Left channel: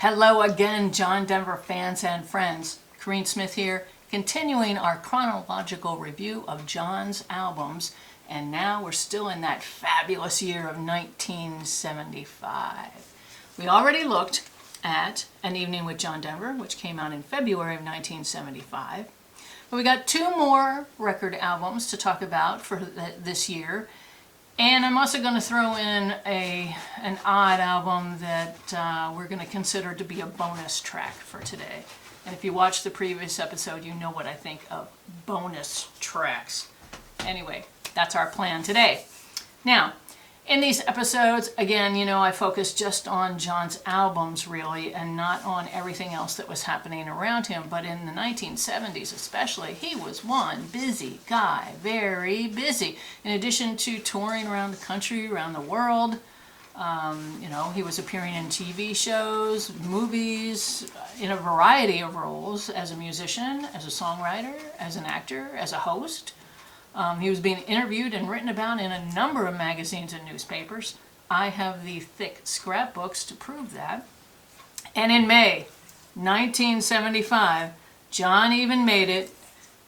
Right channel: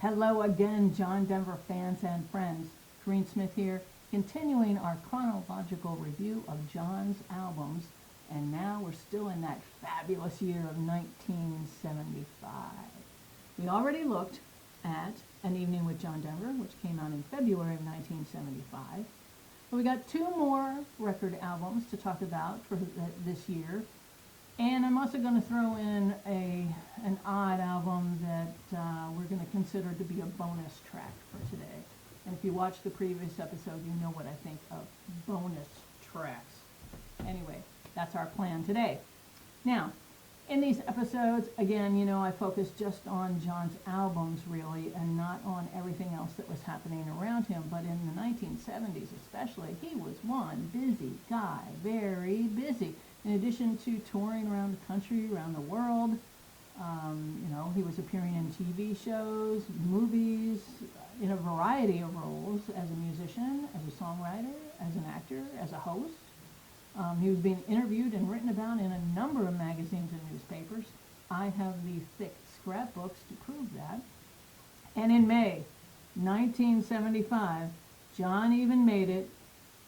Hello again, John Denver fans and friends. Corrine Smith here, continuing our chronological review of John's albums, and now we're still in that fabulous year of 1975. We already looked at An Evening with John Denver, which came out in February of 1975. But we got two more record albums to talk about for this year. And I'm also going to throw in an odd album that we're going to consider to be a bonus track for today. And if you watched the previous episode, you know what I think of bonus tracks. Anyway, that's our plan today. Now, in these episodes, again, I focus just on John's albums, really, and not on everything else that was happening around him. But in the 1970s especially, he was one busy guy, very busy. In addition to touring around the country, around the world, he was appearing in TV shows, movies, in a variety of roles as a musician, as a songwriter, as an actor, as a host. He was being interviewed and written about in a number of magazines and newspapers. I have the thick scrapbooks to prove that. And in May 1975, John even made it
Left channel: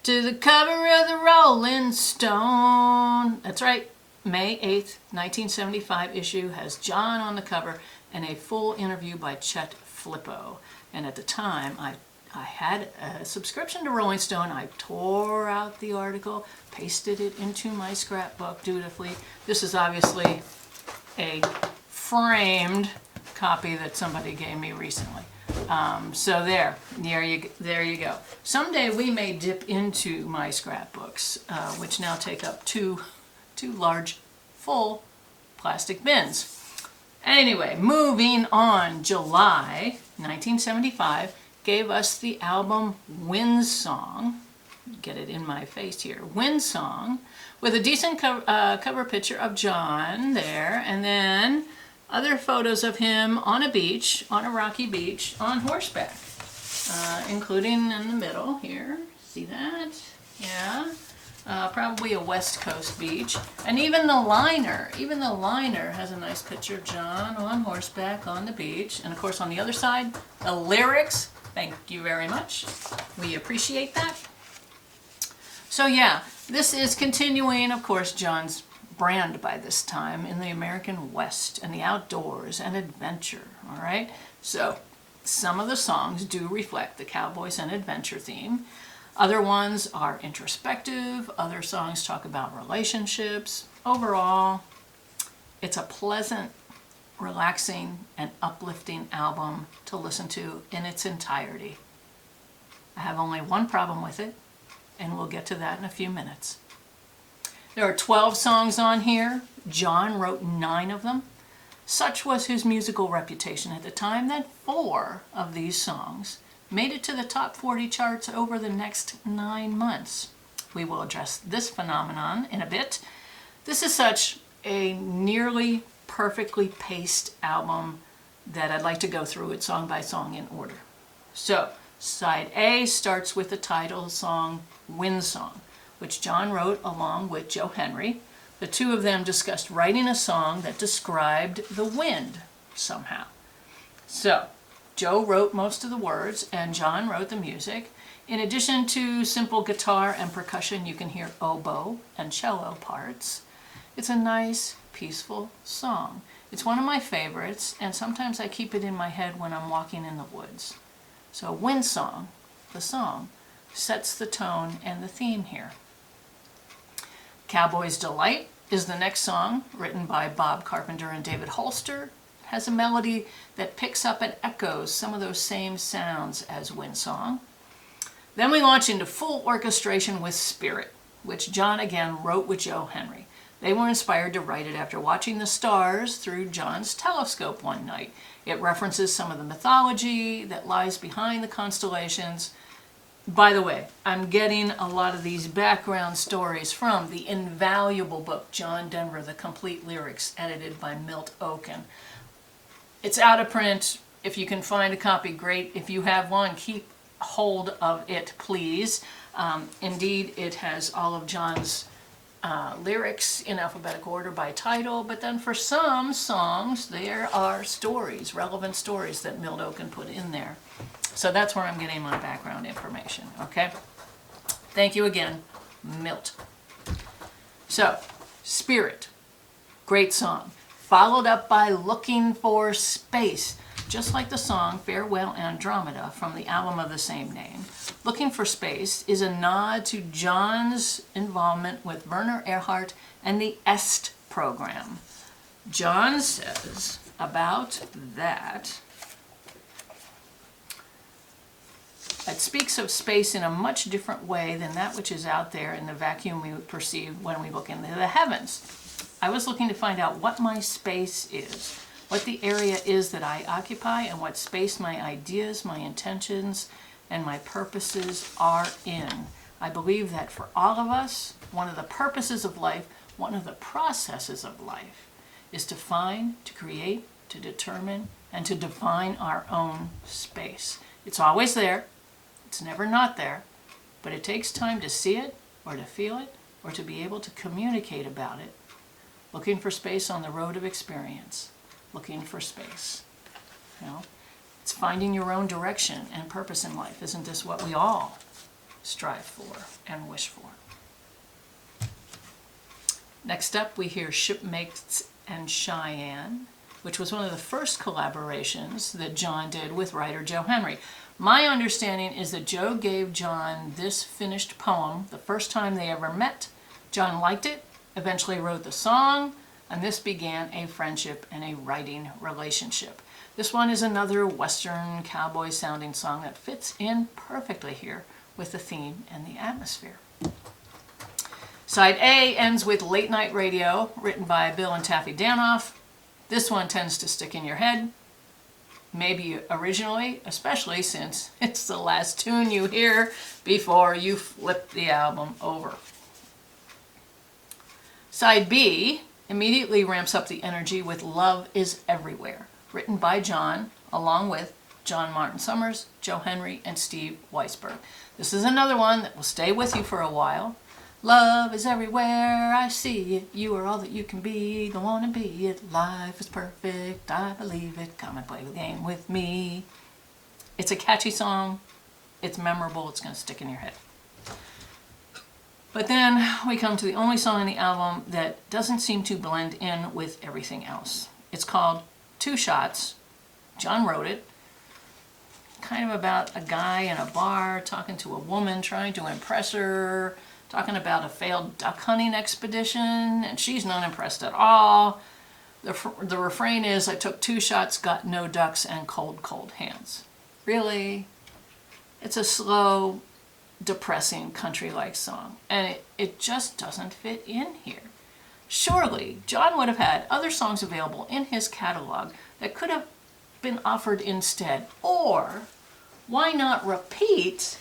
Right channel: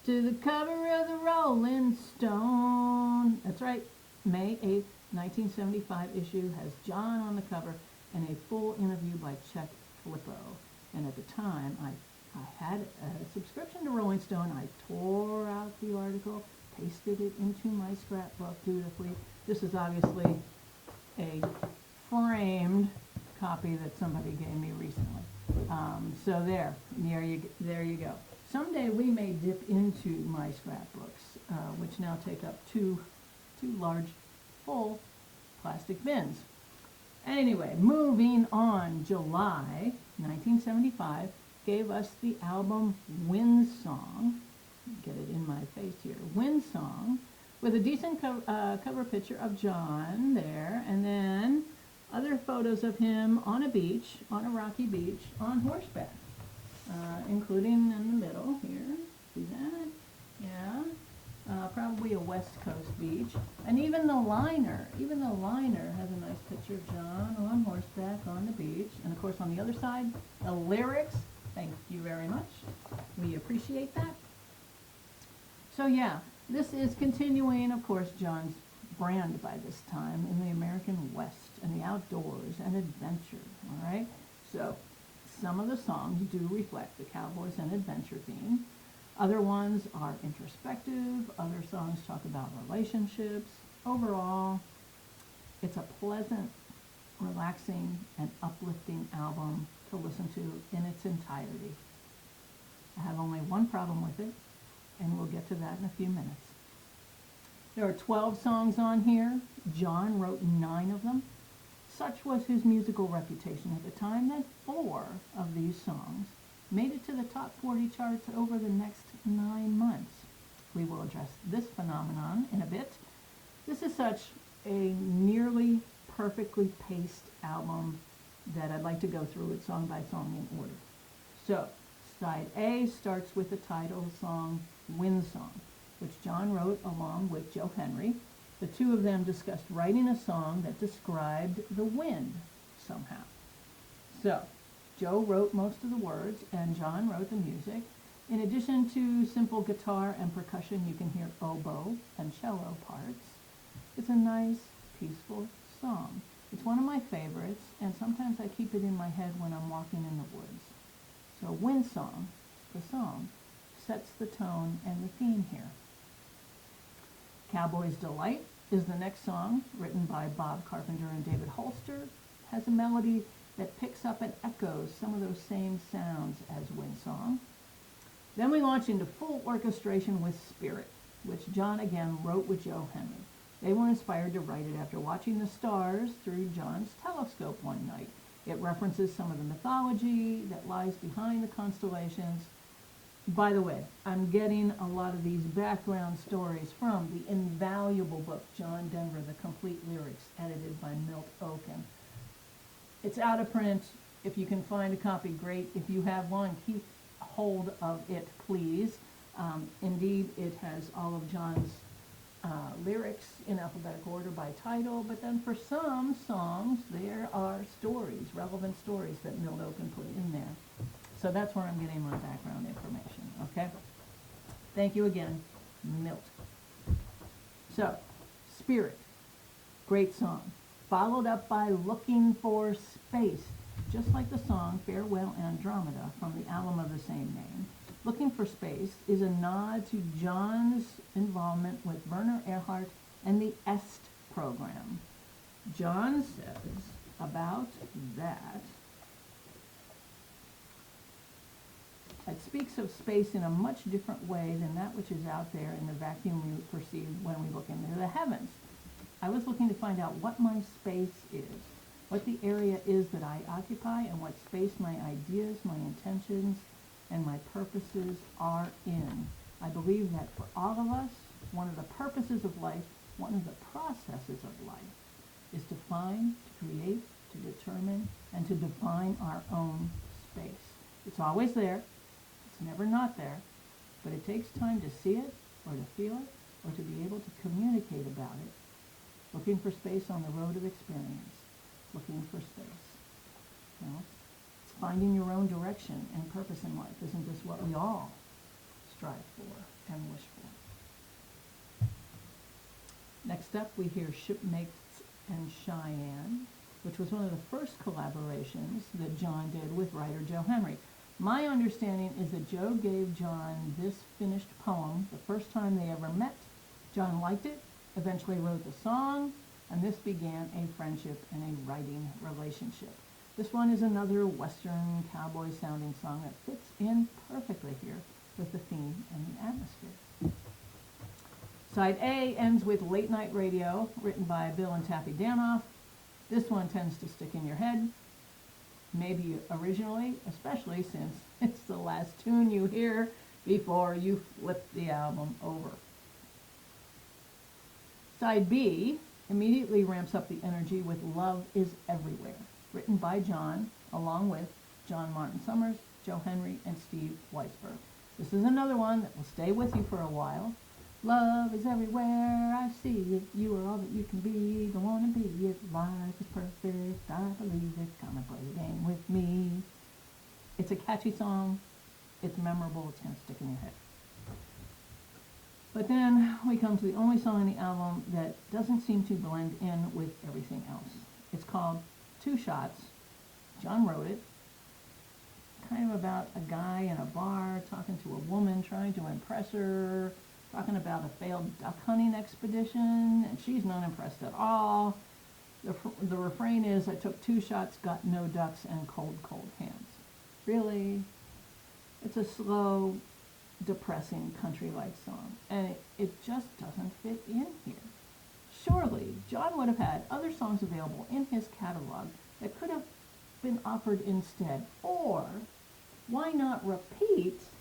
to the cover of the Rolling Stone. That's right, May 8th, 1975 issue has John on the cover and a full interview by Chet Flippo. And at the time, I had a subscription to Rolling Stone. I tore out the article, pasted it into my scrapbook dutifully. This is obviously a framed copy that somebody gave me recently. So there you go. Someday we may dip into my scrapbooks, which now take up two large, full plastic bins. Anyway, moving on, July 1975 gave us the album Windsong. Get it in my face here. Windsong, with a decent cover picture of John there, and then other photos of him on a beach, on a rocky beach, on horseback, including in the middle here. See that? Yeah. Probably a West Coast beach. And even the liner has a nice picture of John on horseback on the beach. And of course on the other side, the lyrics. Thank you very much. We appreciate that. So yeah, this is continuing, of course, John's brand by this time in the American West and the outdoors and adventure, all right? So some of the songs do reflect the cowboys and adventure theme. Other ones are introspective. Other songs talk about relationships. Overall, it's a pleasant, relaxing, and uplifting album to listen to in its entirety. I have only one problem with it, and we'll get to that in a few minutes. There are 12 songs on here. John wrote 9 of them. Such was his musical reputation at the time that 4 of these songs made it to the top 40 charts over the next 9 months. We will address this phenomenon in a bit. This is such a nearly perfectly paced album that I'd like to go through it song by song in order. So, side A starts with the title song Windsong, which John wrote along with Joe Henry. The two of them discussed writing a song that described the wind somehow. So, Joe wrote most of the words and John wrote the music. In addition to simple guitar and percussion, you can hear oboe and cello parts. It's a nice, peaceful song. It's one of my favorites, and sometimes I keep it in my head when I'm walking in the woods. So Windsong, the song, sets the tone and the theme here. Cowboy's Delight is the next song, written by Bob Carpenter and David Holster. It has a melody that picks up and echoes some of those same sounds as Windsong. Then we launch into full orchestration with Spirit, which John again wrote with Joe Henry. They were inspired to write it after watching the stars through John's telescope one night. It references some of the mythology that lies behind the constellations. By the way, I'm getting a lot of these background stories from the invaluable book, John Denver, The Complete Lyrics, edited by Milt Oken. It's out of print. If you can find a copy, great. If you have one, keep hold of it, please. Indeed, it has all of John's lyrics in alphabetical order by title, but then for some songs, there are stories, relevant stories that Milt Oken put in there. So that's where I'm getting my background information, okay? Thank you again, Milt. So, Spirit, great song. Followed up by Looking for Space, just like the song Farewell Andromeda from the album of the same name. Looking for Space is a nod to John's involvement with Werner Erhard and the EST program. John says about that, it speaks of space in a much different way than that which is out there in the vacuum we perceive when we look into the heavens. I was looking to find out what my space is, what the area is that I occupy, and what space my ideas, my intentions, and my purposes are in. I believe that for all of us, one of the purposes of life, one of the processes of life, is to find, to create, to determine, and to define our own space. It's always there. It's never not there. But it takes time to see it, or to feel it, or to be able to communicate about it. Looking for space on the road of experience. Looking for space. You know? It's finding your own direction and purpose in life. Isn't this what we all strive for and wish for? Next up, we hear Shipmates and Cheyenne, which was one of the first collaborations that John did with writer Joe Henry. My understanding is that Joe gave John this finished poem the first time they ever met. John liked it, eventually wrote the song, and this began a friendship and a writing relationship. This one is another Western cowboy sounding song that fits in perfectly here with the theme and the atmosphere. Side A ends with Late Night Radio, written by Bill and Taffy Danoff. This one tends to stick in your head, maybe originally, especially since it's the last tune you hear before you flip the album over. Side B immediately ramps up the energy with Love is Everywhere, written by John, along with John Martin Summers, Joe Henry, and Steve Weisberg. This is another one that will stay with you for a while. Love is everywhere, I see it. You are all that you can be, don't want to be it. Life is perfect, I believe it. Come and play the game with me. It's a catchy song. It's memorable. It's going to stick in your head. But then we come to the only song in the album that doesn't seem to blend in with everything else. It's called Two Shots. John wrote it. Kind of about a guy in a bar talking to a woman, trying to impress her, talking about a failed duck hunting expedition, and she's not impressed at all. The refrain is, I took 2 shots, got no ducks, and cold, cold hands. Really? It's a slow, depressing country-like song, and it just doesn't fit in here. Surely, John would have had other songs available in his catalog that could have been offered instead, or why not repeat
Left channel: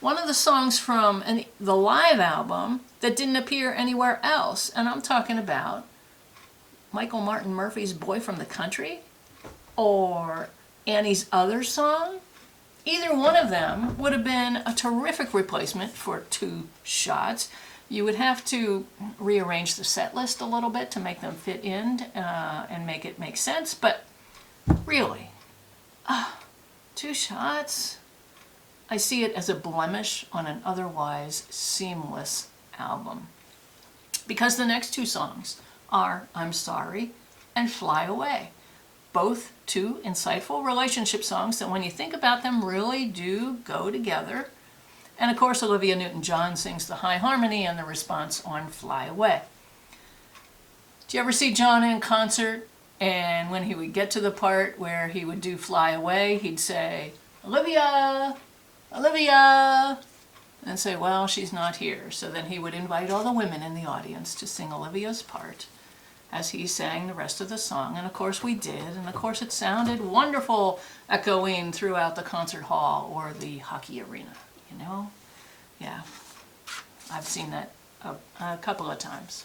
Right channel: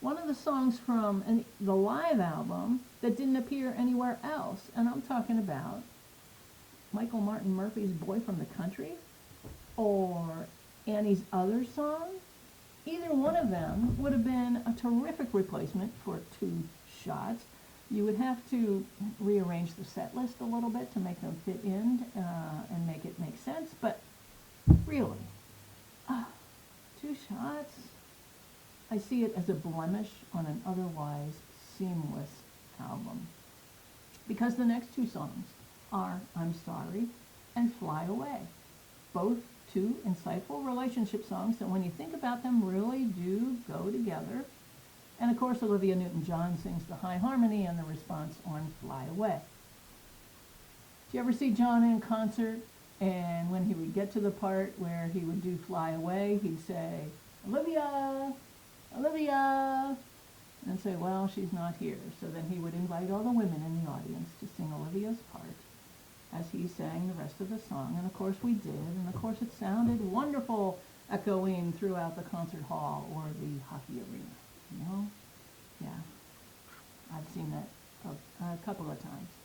one of the songs from the live album that didn't appear anywhere else? And I'm talking about Michael Martin Murphey's Boy from the Country or Annie's other song. Either one of them would have been a terrific replacement for 2 shots. You would have to rearrange the set list a little bit to make them fit in and make it make sense, but really, 2 shots? I see it as a blemish on an otherwise seamless album. Because the next 2 songs are I'm Sorry and Fly Away. Both 2 insightful relationship songs that when you think about them really do go together. And of course Olivia Newton-John sings the high harmony and the response on Fly Away. Did you ever see John in concert? And when he would get to the part where he would do Fly Away, he'd say, Olivia, Olivia, and say, well, she's not here. So then he would invite all the women in the audience to sing Olivia's part as he sang the rest of the song. And of course we did, and of course it sounded wonderful echoing throughout the concert hall or the hockey arena, you know? Yeah, I've seen that a couple of times.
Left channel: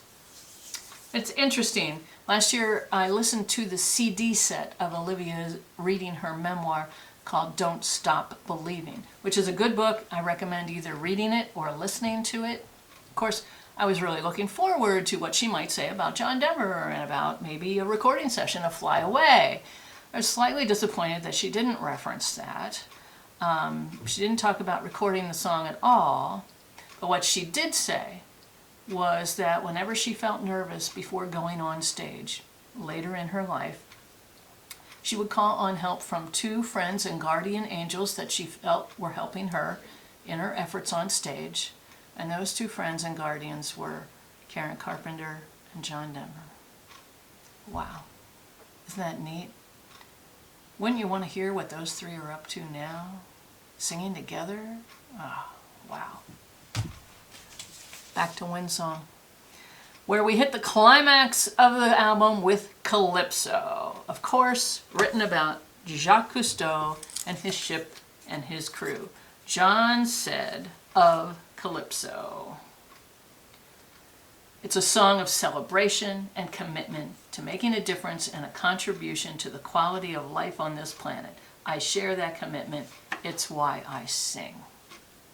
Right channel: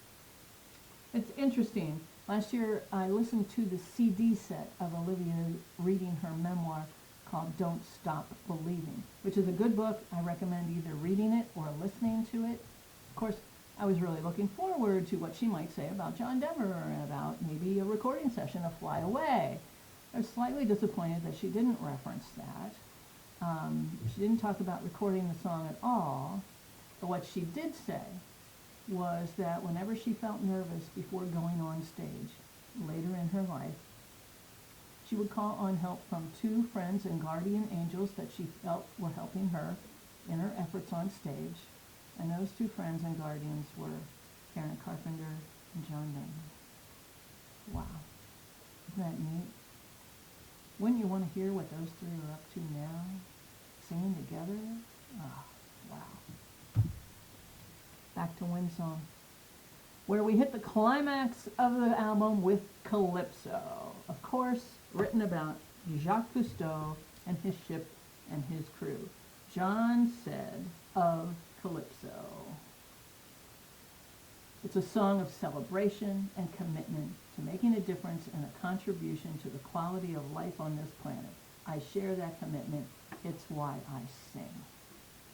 It's interesting. Last year I listened to the CD set of Olivia reading her memoir called Don't Stop Believing, which is a good book. I recommend either reading it or listening to it. Of course, I was really looking forward to what she might say about John Denver and about maybe a recording session of Fly Away. I was slightly disappointed that she didn't reference that. She didn't talk about recording the song at all, but what she did say was that whenever she felt nervous before going on stage later in her life, she would call on help from two friends and guardian angels that she felt were helping her in her efforts on stage. And those two friends and guardians were Karen Carpenter and John Denver. Wow. Isn't that neat? Wouldn't you want to hear what those three are up to now? Singing together? Oh, wow. Back to Windsong, where we hit the climax of the album with Calypso. Of course, written about Jacques Cousteau and his ship and his crew. John said of Calypso, "It's a song of celebration and commitment to making a difference and a contribution to the quality of life on this planet. I share that commitment. It's why I sing."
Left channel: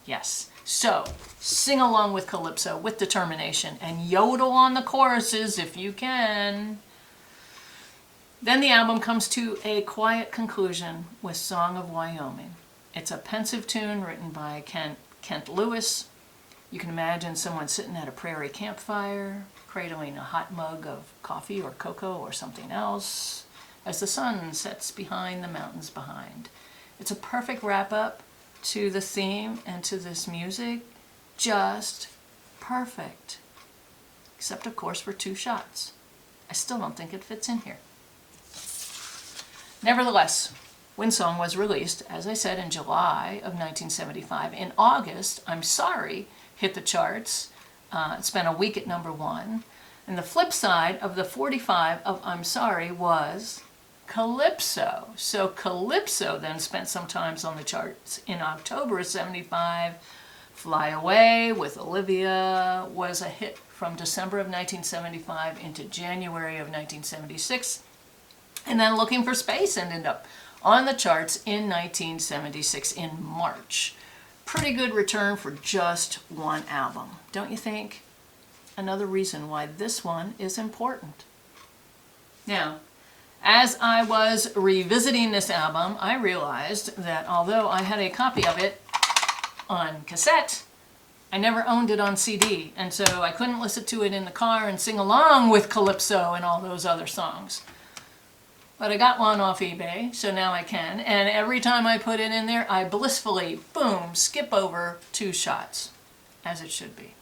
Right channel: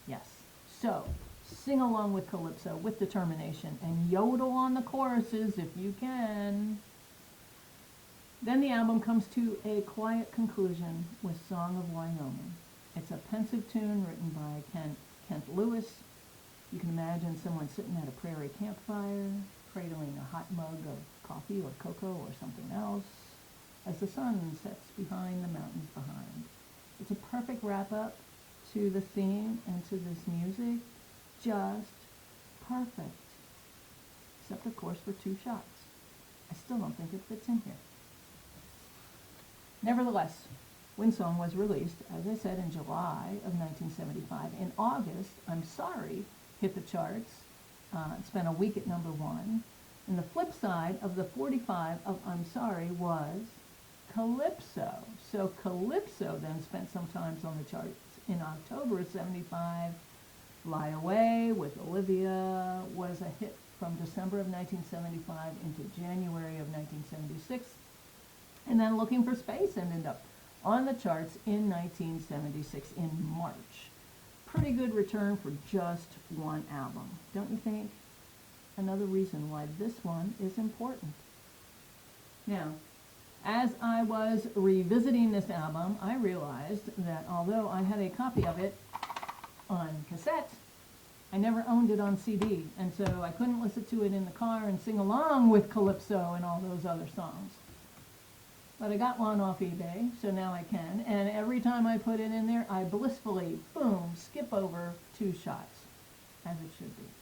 Yes. So, sing along with Calypso with determination and yodel on the choruses if you can. Then the album comes to a quiet conclusion with Song of Wyoming. It's a pensive tune written by Kent Lewis. You can imagine someone sitting at a prairie campfire, cradling a hot mug of coffee or cocoa or something else, as the sun sets behind the mountains behind. It's a perfect wrap-up to the theme and to this music. Just perfect. Except, of course, for two shots. I still don't think it fits in here. Nevertheless, Windsong was released, as I said, in July of 1975. In August, I'm Sorry hit the charts. It spent a week at #1. And the flip side of the 45 of I'm Sorry was Calypso. So Calypso then spent some time on the charts in October of 75. Fly Away with Olivia was a hit from December of 1975 into January of 1976. And then Looking for Space ended up on the charts in 1976 in March. Pretty good return for just one album, don't you think? Another reason why this one is important. Now, as I was revisiting this album, I realized that although I had a copy of it on cassette, I never owned it on CD, and so I couldn't listen to it in the car and sing along with Calypso and all those other songs. But I got one off eBay, so now I can, and every time I put it in there, I blissfully, boom, skip over two shots, as it should be.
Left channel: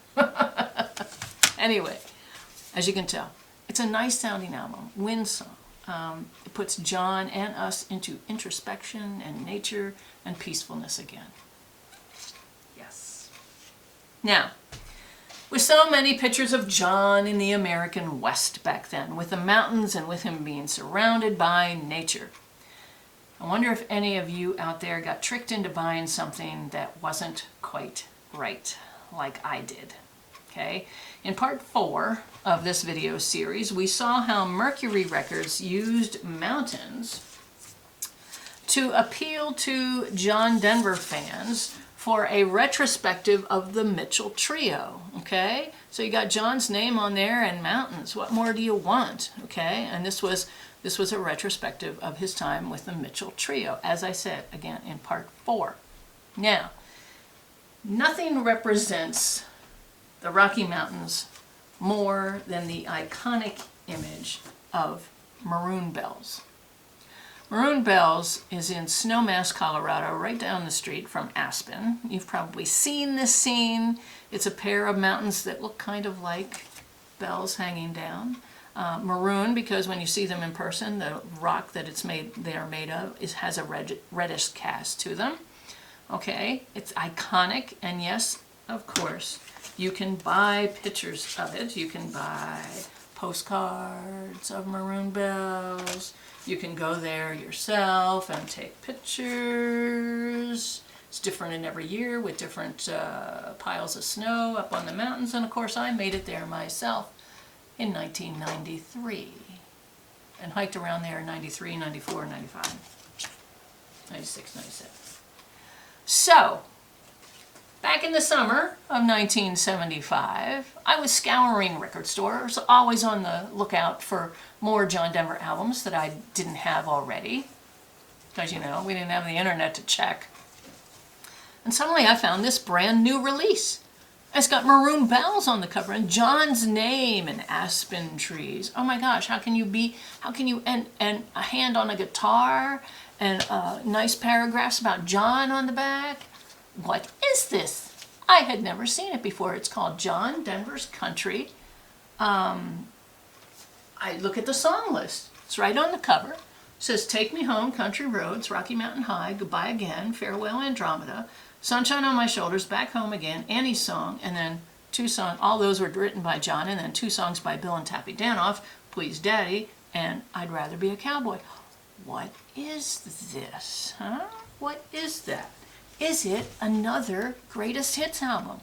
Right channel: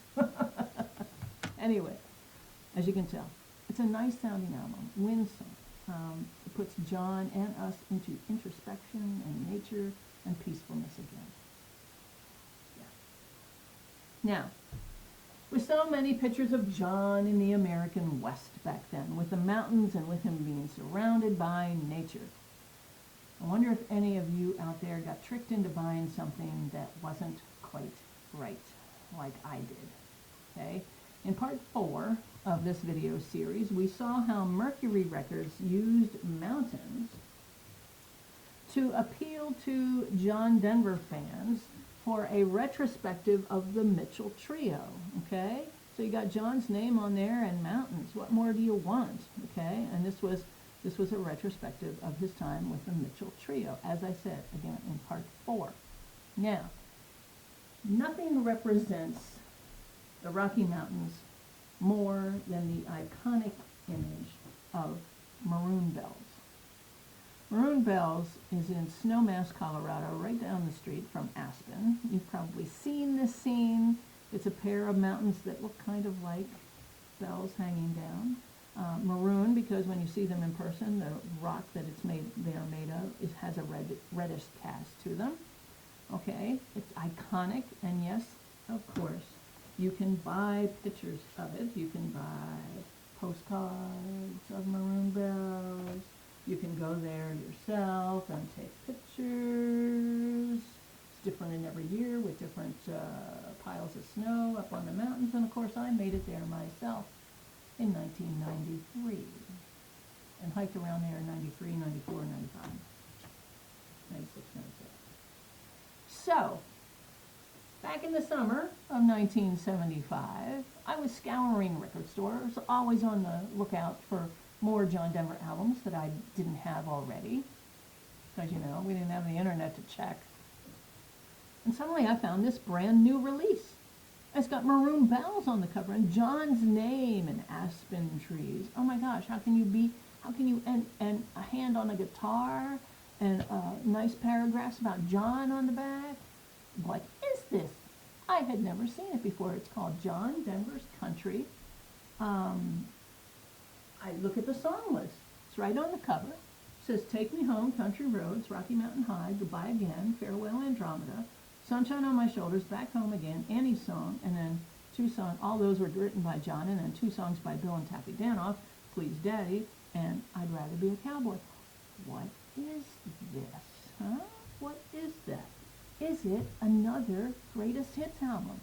Anyway, as you can tell, it's a nice sounding album, Windsong. It puts John and us into introspection and nature and peacefulness again. Yes. Now, with so many pictures of John in the American West back then, with the mountains and with him being surrounded by nature, I wonder if any of you out there got tricked into buying something that wasn't quite right, like I did. Okay? In part 4 of this video series, we saw how Mercury Records used mountains to appeal to John Denver fans for a retrospective of the Mitchell Trio, okay? So you got John's name on there and mountains. What more do you want, okay? And this was a retrospective of his time with the Mitchell Trio, as I said, again, in part 4. Now, nothing represents the Rocky Mountains more than the iconic image of Maroon Bells. Maroon Bells is in Snowmass, Colorado, right down the street from Aspen. You've probably seen this scene. It's a pair of mountains that look kind of like bells hanging down. Maroon, because when you see them in person, the rock that they are made of has a reddish cast to them. Okay, it's iconic, and yes, of course, you can buy pictures of it. You can buy postcards of Maroon Bells. You can go there yourself and take pictures. It's different in every year with different piles of snow up on the mountains. And of course, I made it there myself in 1993 and hiked around there in 93, 94, 95, 96, 97. So, Back in the summer of 1975, I was scouring record stores, always on the lookout for more John Denver albums that I didn't have already. Because, you know, we didn't have the internet to check. And suddenly I found this brand new release. It's got maroon bells on the cover and John's name and aspen trees. Oh my gosh, and a hand on a guitar and nice paragraphs about John on the back. What is this? I had never seen it before. It's called John Denver's Country. I look at the song list. It's right on the cover. It says, Take Me Home, Country Roads, Rocky Mountain High, Goodbye Again, Farewell Andromeda, Sunshine on My Shoulders, Back Home Again, Annie's Song, and then 2 songs. All those were written by John, and then 2 songs by Bill and Tappy Danoff, Please Daddy, and I'd Rather Be a Cowboy. What is this, huh? What is that? Is it another greatest hits album?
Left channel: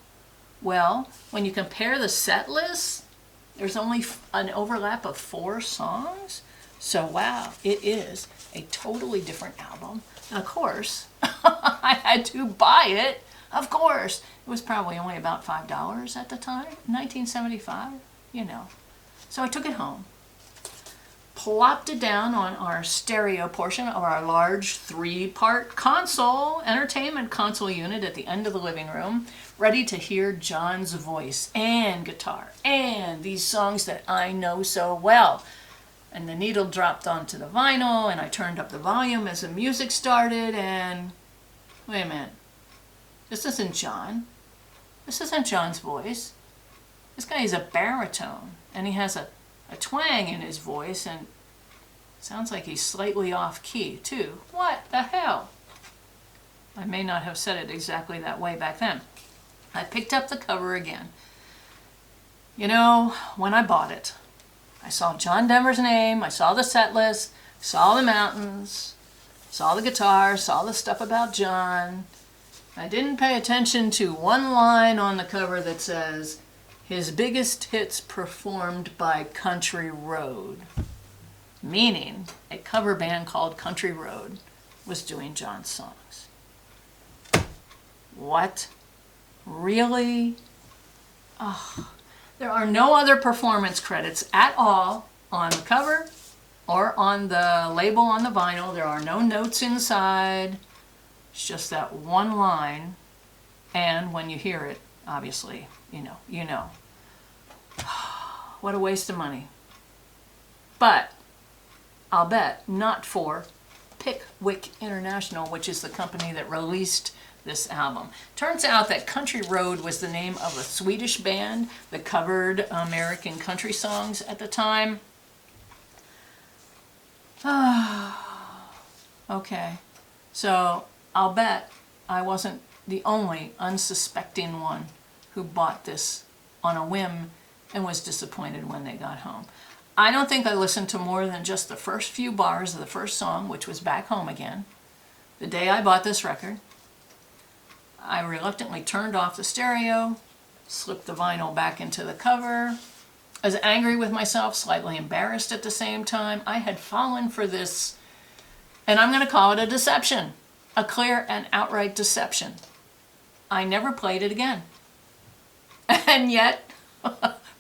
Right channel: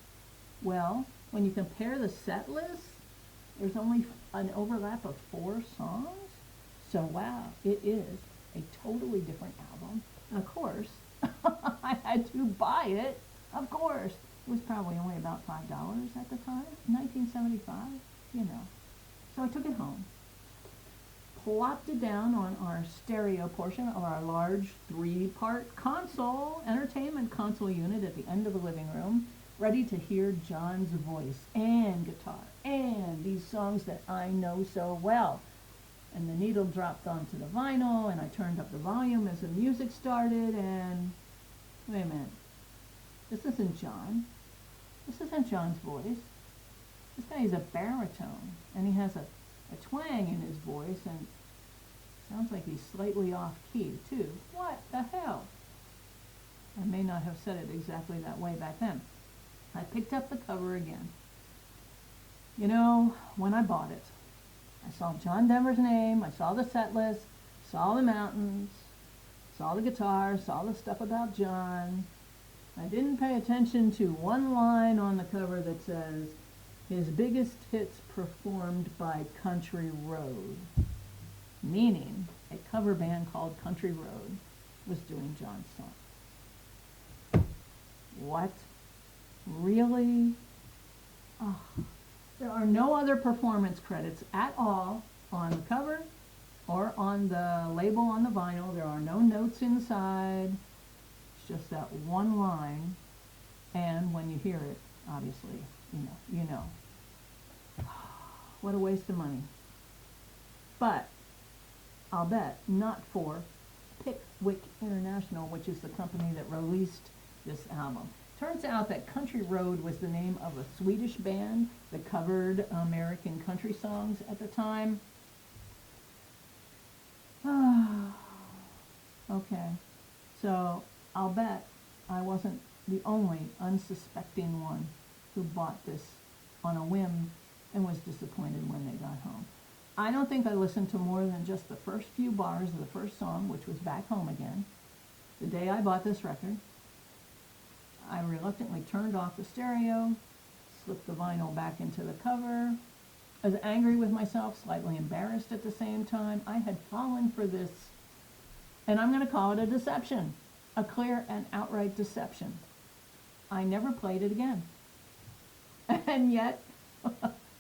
Well, when you compare the set list, there's only an overlap of 4 songs. So wow, it is a totally different album. And of course, I had to buy it. Of course. It was probably only about $5 at the time, 1975, you know. So I took it home, plopped it down on our stereo portion of our large 3-part console, entertainment console unit at the end of the living room, ready to hear John's voice and guitar and these songs that I know so well. And the needle dropped onto the vinyl and I turned up the volume as the music started and, wait a minute, this isn't John. This isn't John's voice. This guy is a baritone and he has a twang in his voice and sounds like he's slightly off key too. What the hell? I may not have said it exactly that way back then. I picked up the cover again. You know, when I bought it, I saw John Denver's name, I saw the set list, saw the mountains, saw the guitar, saw the stuff about John. I didn't pay attention to one line on the cover that says, his biggest hits performed by Country Road, meaning a cover band called Country Road was doing John's songs. What? Really? Oh, there are no other performance credits at all on the cover or on the label on the vinyl. There are no notes inside. It's just that one line, and when you hear it, obviously, you know. What a waste of money. But I'll bet not for Pickwick International, which is the company that released this album. Turns out that Country Road was the name of a Swedish band that covered American country songs at the time. Okay, so I'll bet I wasn't the only unsuspecting one who bought this on a whim and was disappointed when they got home. I don't think I listened to more than just the first few bars of the first song, which was Back Home Again. The day I bought this record, I reluctantly turned off the stereo, slipped the vinyl back into the cover. I was angry with myself, slightly embarrassed at the same time. I had fallen for this, and I'm going to call it a deception, a clear and outright deception. I never played it again. And yet,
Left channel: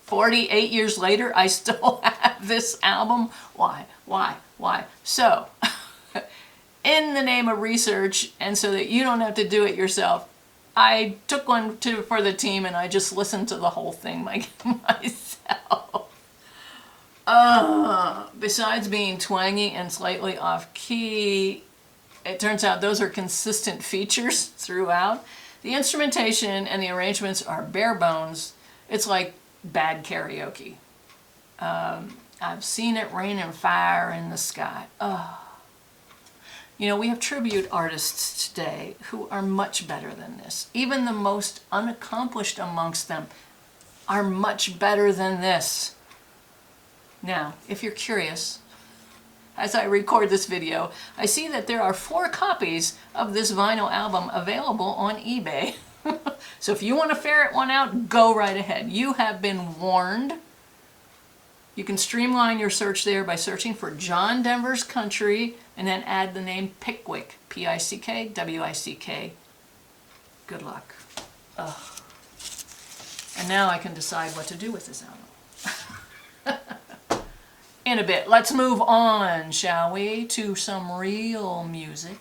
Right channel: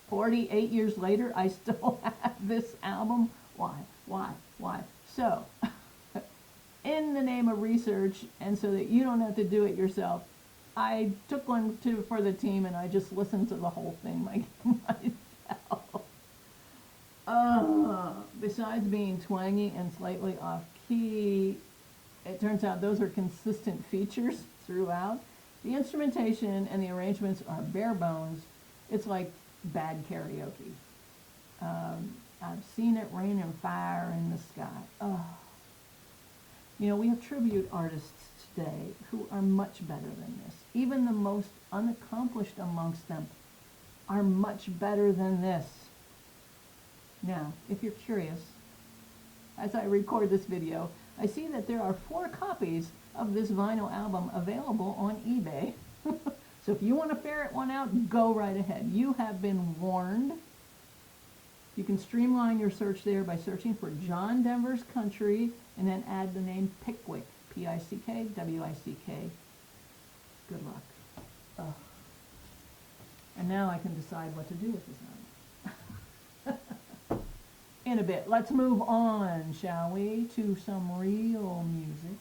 48 years later, I still have this album. Why? So, in the name of research, and so that you don't have to do it yourself, I took one for the team and I just listened to the whole thing myself. Besides being twangy and slightly off key, it turns out those are consistent features throughout. The instrumentation and the arrangements are bare bones. It's like bad karaoke. I've seen it rain and fire in the sky. You know, we have tribute artists today who are much better than this. Even the most unaccomplished amongst them are much better than this. Now, if you're curious, as I record this video, I see that there are 4 copies of this vinyl album available on eBay. So if you want to ferret one out, go right ahead. You have been warned. You can streamline your search there by searching for John Denver's Country and then add the name Pickwick, P-I-C-K-W-I-C-K. Good luck. And now I can decide what to do with this album. In a bit. Let's move on, shall we, to some real music.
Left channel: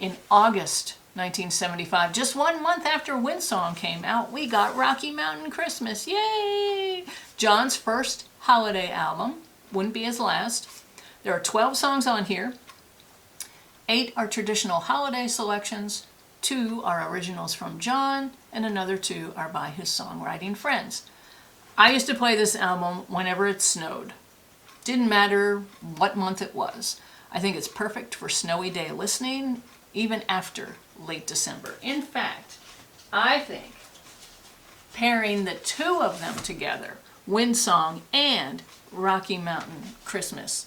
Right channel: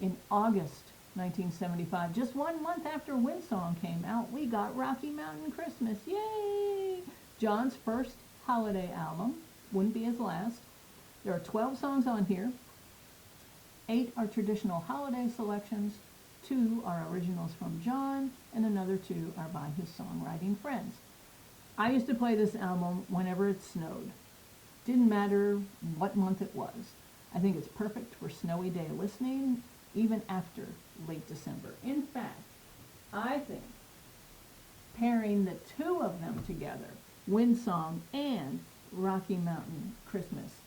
In August 1975, just 1 month after Windsong came out, we got Rocky Mountain Christmas. Yay! John's first holiday album. Wouldn't be his last. There are 12 songs on here. 8 are traditional holiday selections. 2 are originals from John, and another 2 are by his songwriting friends. I used to play this album whenever it snowed. Didn't matter what month it was. I think it's perfect for snowy day listening, even after late December. In fact, I think pairing the 2 of them together, Windsong and Rocky Mountain Christmas,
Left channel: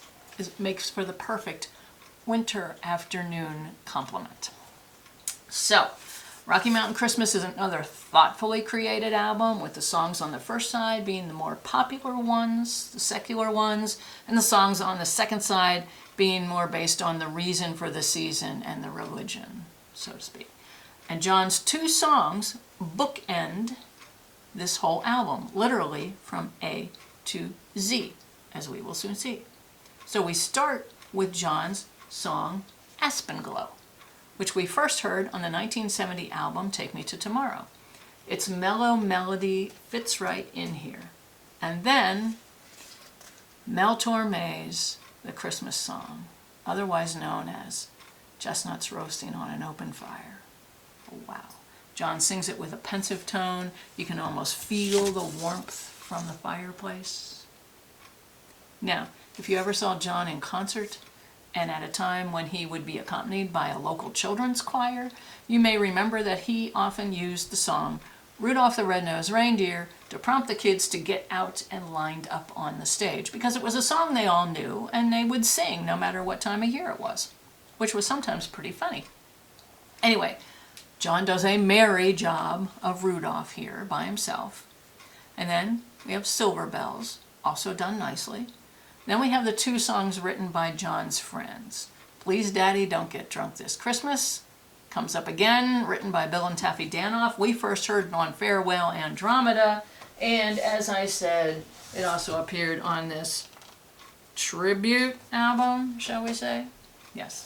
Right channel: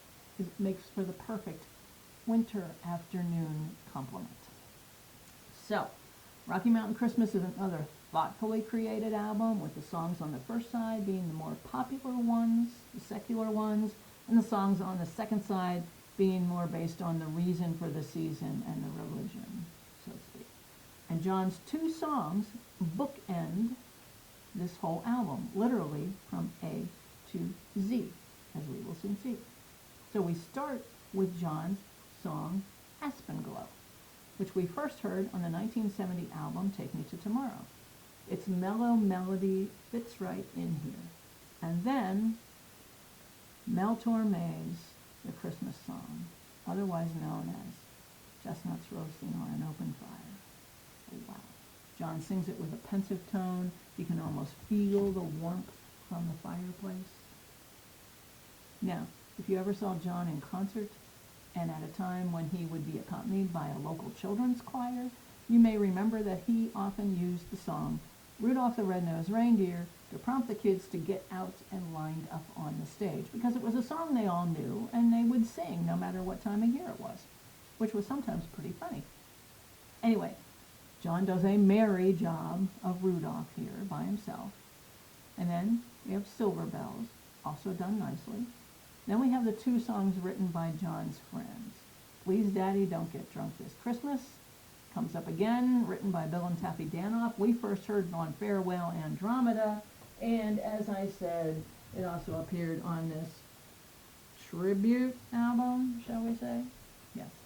makes for the perfect winter afternoon complement. So, Rocky Mountain Christmas is another thoughtfully created album, with the songs on the first side being the more popular ones, the secular ones, and the songs on the second side being more based on the reason for the season and the religion, so to speak. And John's 2 songs bookend this whole album, literally from A to Z, as we will soon see. So we start with John's song Aspen Glow, which we first heard on the 1970 album Take Me to Tomorrow. Its mellow melody fits right in here. And then Mel Torme's The Christmas Song, otherwise known as Chestnuts Roasting on an Open Fire. Oh, wow. John sings it with a pensive tone. You can almost feel the warmth from the fireplace. Now, if you ever saw John in concert, and at a time when he would be accompanied by a local children's choir, you may remember that he often used the song Rudolph the Red-Nosed Reindeer to prompt the kids to get out and lined up on the stage, because it was a song they all knew and they would sing no matter what time of year it was, which was sometimes pretty funny. Anyway, John does a merry job of Rudolph here by himself. And then we have Silver Bells, also done nicely. Then we have the 2 songs written by John's friends. Please Daddy, Don't Get Drunk This Christmas comes up again, written by Bill and Taffy Danoff. We first heard it on Farewell Andromeda, and as I said, it also appeared on this tribute album, shall we say? Yes.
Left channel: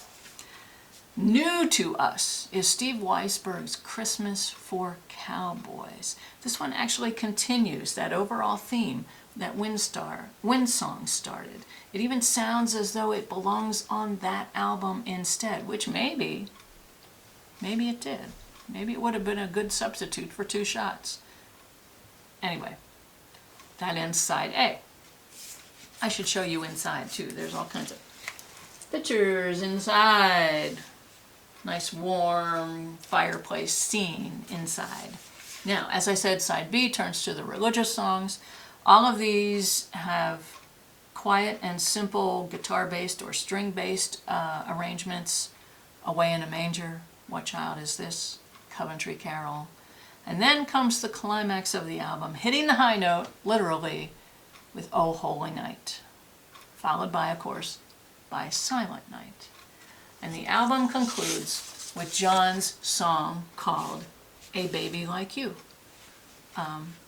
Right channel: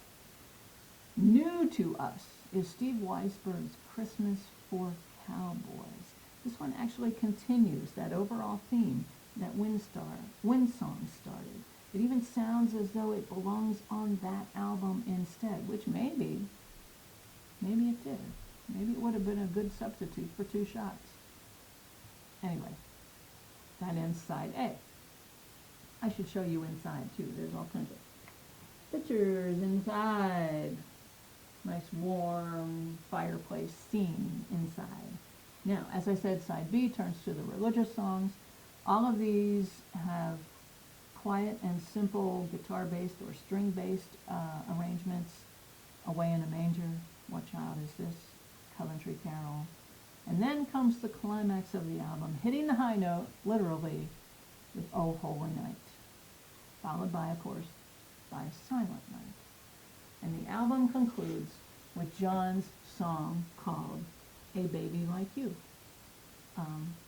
New to us is Steve Weisberg's Christmas for Cowboys. This one actually continues that overall theme that Windsong started. It even sounds as though it belongs on that album instead, which maybe it did. Maybe it would have been a good substitute for 2 shots. Anyway, that ends side A. I should show you inside too. There's all kinds of pictures inside. Nice warm fireplace scene inside. Now, as I said, side B turns to the religious songs. All of these have quiet and simple guitar-based or string-based arrangements. Away in a Manger, What Child Is This?, Coventry Carol. And then comes the climax of the album, hitting the high note, literally, with Oh Holy Night, followed by, of course, by Silent Night. And the album concludes with John's song called A Baby Like You,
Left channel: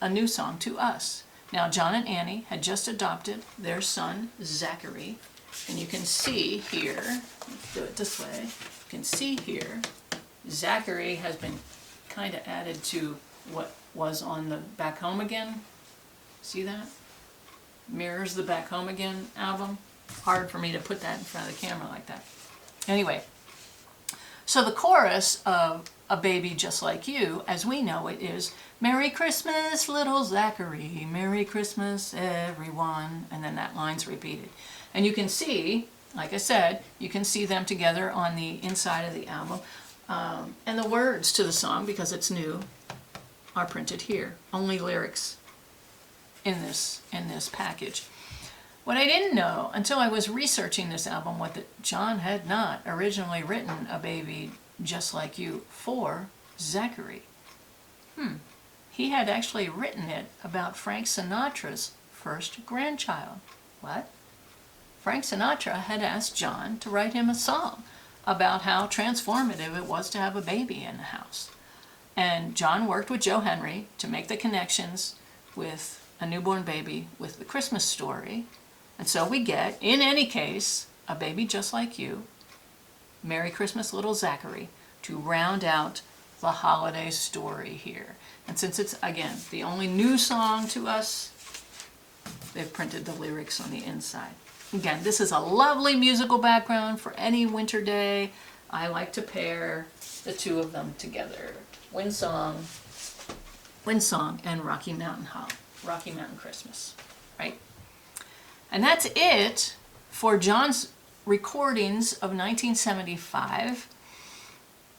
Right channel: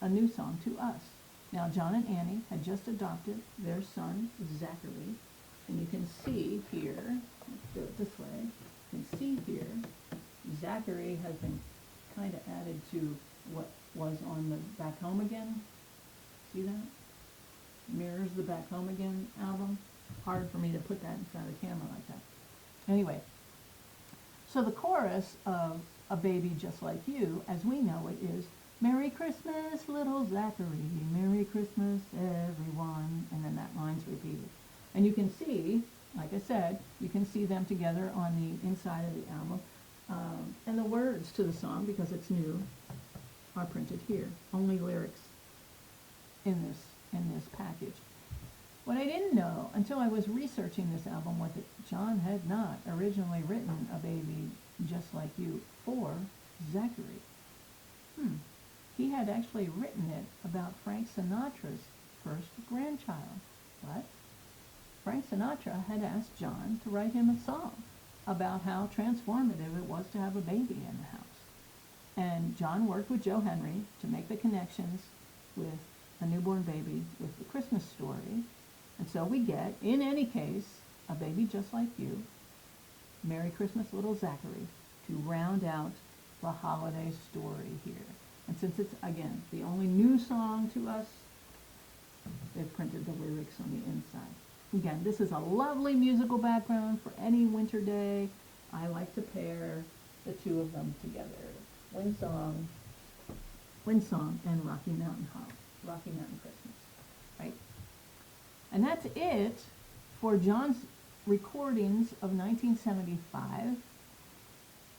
a new song to us. Now, John and Annie had just adopted their son, Zachary, and you can see here, let's do it this way, you can see here, Zachary has been kind of added to what was on the Back Home Again. See that? Mirrors the Back Home Again album. Hard for me to put that in front of the camera like that. Anyway, so the chorus of A Baby Just Like You, as we know it, is Merry Christmas, little Zachary, Merry Christmas, everyone, and then that line's repeated. And you can see, like I said, you can see them together on the inside of the album. And the words to the song, because it's new, are printed here. Only lyrics in this package. What I didn't know until I was researching this album was that John had not originally written A Baby Just Like You for Zachary. He had actually written it about Frank Sinatra's first grandchild. What? Frank Sinatra had asked John to write him a song about how transformative it was to have a baby in the house. And John worked with Joe Henry to make the connections with a newborn baby with the Christmas story. And so we get, in any case, A Baby Just Like You, Merry Christmas Little Zachary, to round out the holiday story here. And since it's, again, the only new song to us, they've printed the lyrics on the inside. Again, this is a lovely musical background for any winter day. I like to pair the two of them together. Windsong and Rocky Mountain Christmas, right? And that's it for John's recordings of 1975,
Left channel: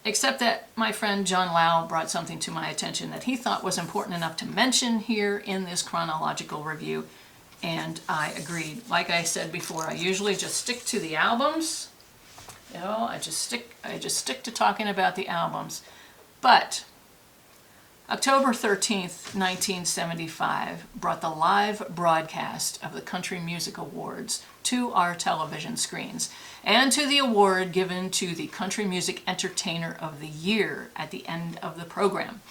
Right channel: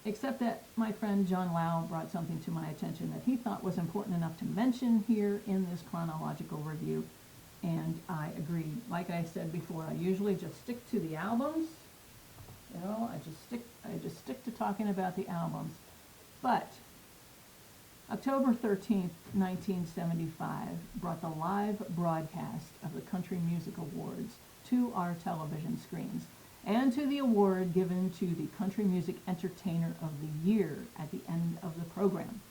except that my friend John Lau brought something to my attention that he thought was important enough to mention here in this chronological review, and I agreed. Like I said before, I usually just stick to the albums. You know, I just stick to talking about the albums. But October 13th, 1975 brought the live broadcast of the Country Music Awards to our television screens, and to the award given to the Country Music Entertainer of the Year at the end of the program.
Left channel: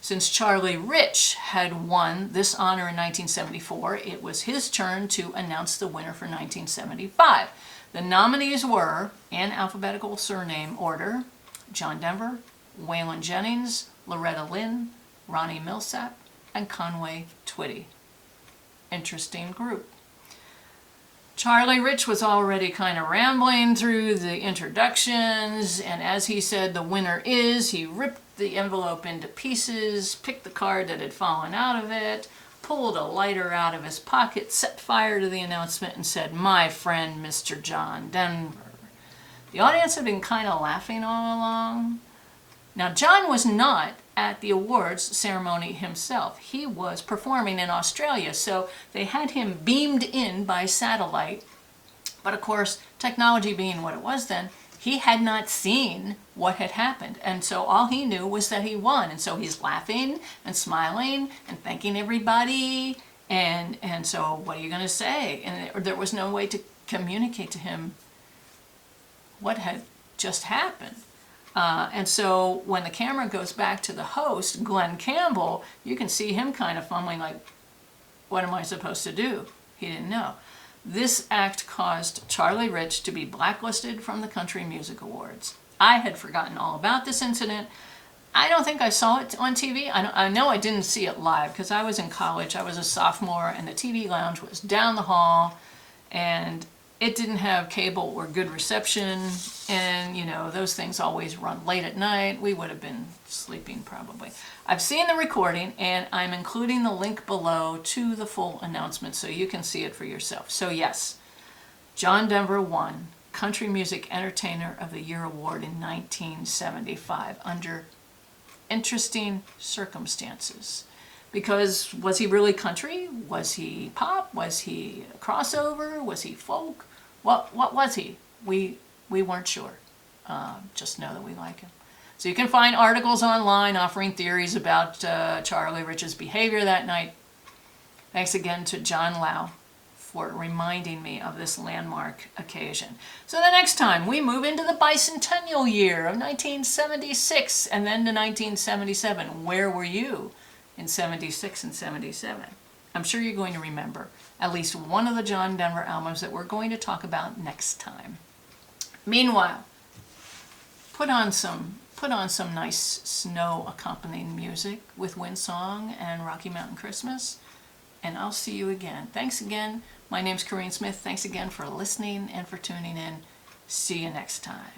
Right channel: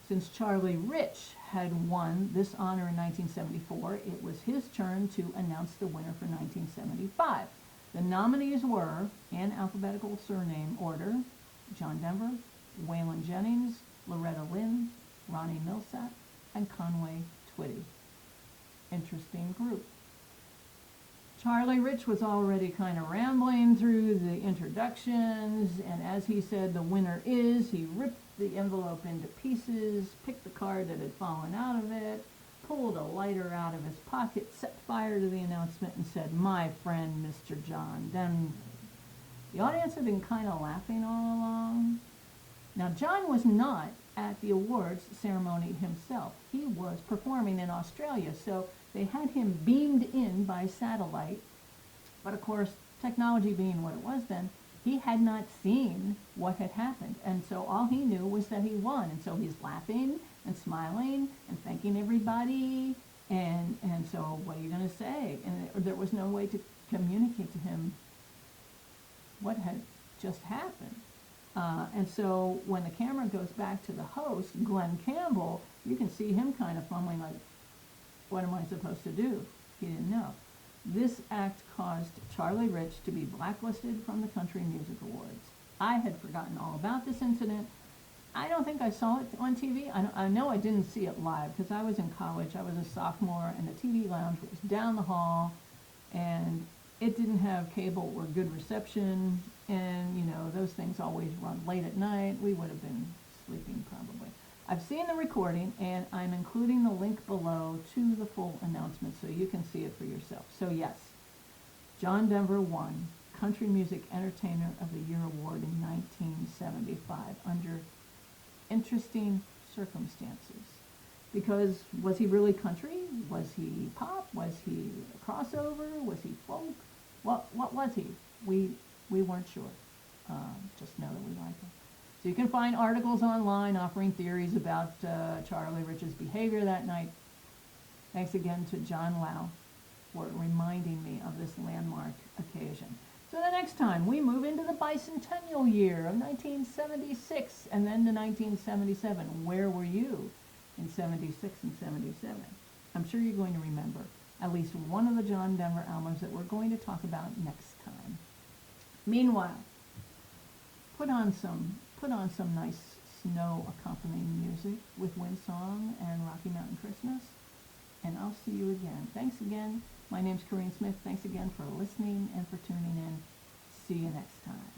Since Charlie Rich had won this honor in 1974, it was his turn to announce the winner for 1975. The nominees were, in alphabetical surname order, John Denver, Waylon Jennings, Loretta Lynn, Ronnie Milsap, and Conway Twitty. Interesting group. Charlie Rich was already kind of rambling through the introductions, and as he said, the winner is, he ripped the envelope into pieces, picked the card that had fallen out of it, pulled a lighter out of his pocket, set fire to the announcement, and said, "My friend, Mr. John Denver." The audience had been kind of laughing all along. Now, John was not at the awards ceremony himself. He was performing in Australia, so they had him beamed in by satellite. But of course, technology being what it was then, he had not seen what had happened. And so all he knew was that he won. And so he's laughing and smiling and thanking everybody. And so what are you going to say? And there was no way to communicate to him what had just happened. And so when the camera goes back to the host, Glenn Campbell, you can see him kind of fumbling like, what am I supposed to do? He didn't know. This act caused Charlie Rich to be blacklisted from the Country Music Awards. I had forgotten all about this incident. I don't think I saw it on TV. I know I didn't see it live because I was in college. I was a sophomore, and the TV lounge was down the hall, and it didn't have cable or good reception, and you know, those things always run late at night. We would have been sleeping probably. I've seen the recording, and I'm including the link below to the full announcement so you can see it for yourself. So yes, John Denver won Country Music Entertainer of the Year Award in 1975 under interesting circumstances. Because was he really country? Was he pop? Was he a crossover? Was he folk? What was he? We weren't sure. Just know that we like him. So you can find articles online offering theories about Charlie Rich's behavior that night. Thanks again to John Lau for reminding me of this landmark occasion. So the next time we move into the bicentennial year of 1976 and then to 1977. Where were you in 76 and 77? I'm sure you're going to remember at least one of the John Denver albums that we're going to talk about next time. Meanwhile, put on some nice snow accompanying music with Windsong and Rocky Mountain Christmas, and I'll see you again. Thanks again. My name's Corinne Smith. Thanks again for listening and for tuning in. See you next time.